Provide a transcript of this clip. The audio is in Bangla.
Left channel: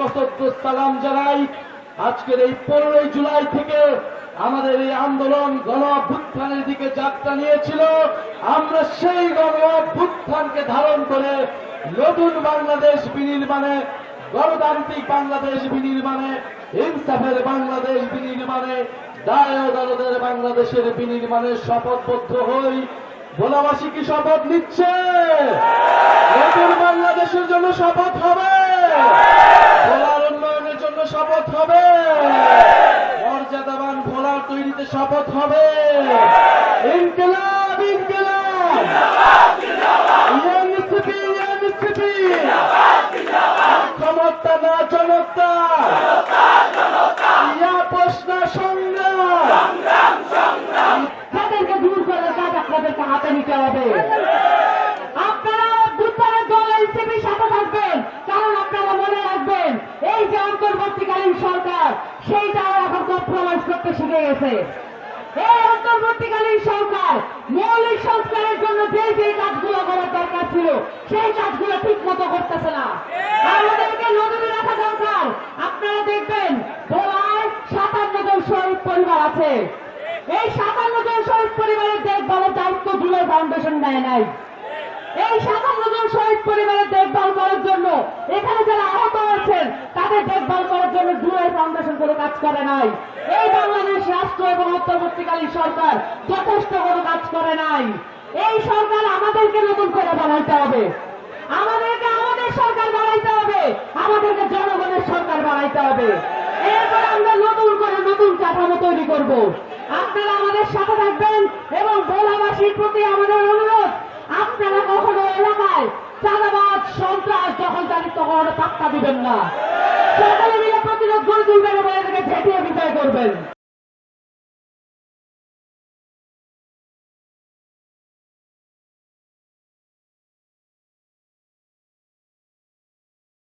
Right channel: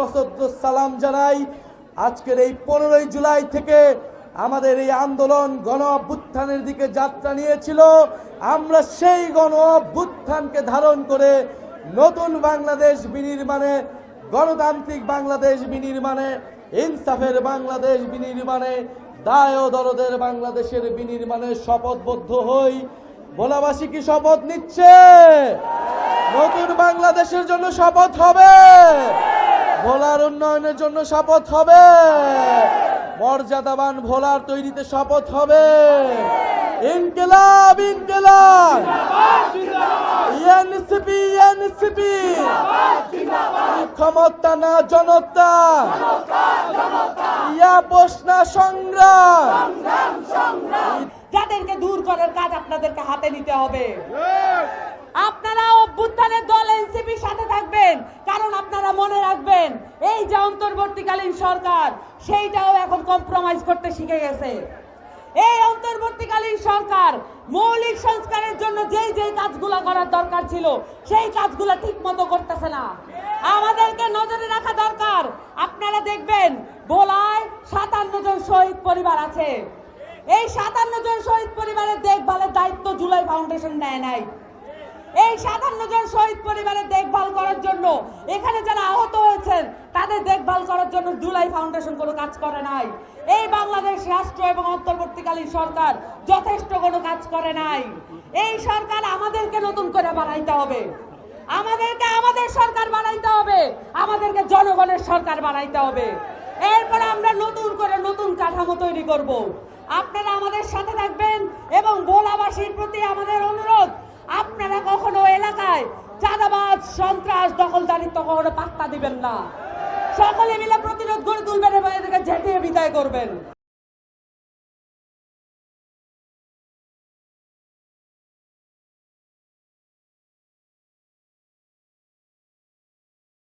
সশস্ত্র সালাম জানাই। আজকের এই 15 জুলাই থেকে আমাদের এই আন্দোলন গণ অভ্যুত্থানের দিকে যাত্রা নিয়েছিল। আমরা সেই গণ অভ্যুত্থানকে ধারণ করে নতুন বাংলাদেশ বিনির্মাণে, গণতান্ত্রিক বাংলাদেশ বিনির্মাণে, ইনসাফের বাংলাদেশ বিনির্মাণে, দায় ও দরদের বাংলাদেশের বিনির্মাণে শপথবদ্ধ হই। ভোলাবাসী কি শপথ নিচ্ছে? নতুন বাংলাদেশের জন্য শপথ হবে, ভোলার উন্নয়নের জন্য শপথ হবে, মর্যাদাবান ভোলার তৈরিতে শপথ হবে। ইনকিলাব ইনকিলাব, এনসিপি এনসিপি, ক্ষমতা না জনতা, আপোষ না সংগ্রাম। তাদেরকে দূর করার কাজ আপনাদেরকে হাতে নিতে হবে। আপনারা অভ্যুত্থানের দল এনসিপির সাথে থাকবেন, কারণ আপনারা মনে রাখবেন এই যে অন্তর্বর্তীকালীন সরকার, সেইটাও এখন কম্প্রোমাইজ করতে শিখে গেছে। এই অন্তর্বর্তীকালীন সরকার মৌলিক সংস্কারের জন্য যে কাজগুলো করার দরকার ছিল সেই কাজগুলো ঠিক মতো করতেছে না। আমাদেরকে নজরে রাখা দরকার। আপনারা দেখবেন ভোলায় 57 জন শহীদ পরিবার আছে। এই 57 জন শহীদ পরিবারের দেখভালের দায়িত্ব জুলাই ফাউন্ডেশন নেয় নাই। এই 57 জন শহীদ পরিবারের দেখভাল করার জন্য, এখানে যারা আহত হয়েছেন তাদের দেখভাল করার জন্য জুলাই ফাউন্ডেশন কোনো কাজ করে নাই। এই বাংলাদেশ রাষ্ট্র এবং অন্তর্বর্তীকালীন সরকার যথেষ্ট কোনো কাজ করে নাই। এই সরকার আমাদেরকে নতুন করে বানাইতে হবে, আমাদেরকে আমাদের সরকার বানাইতে হবে, আমাদেরকে জনগণের সরকার বানাইতে হবে। এরপর আমরা নতুন করে নতুন কাঠামো তৈরি করব। আপনারা আমাদের সাথে থাকবেন এবং ভোলাবাসীর প্রতি আমাদের অনুরোধ, আপনারা কখনো এলাকায় চাঁদাবাজ, সন্ত্রাস, দখলদারিত্ব কখনো পাত্তা দিবেন না। সকলে মিলে প্রতিরোধ গড়ে তুলবেন এবং এটাকে ঝেঁটিয়ে বিদায় করবেন।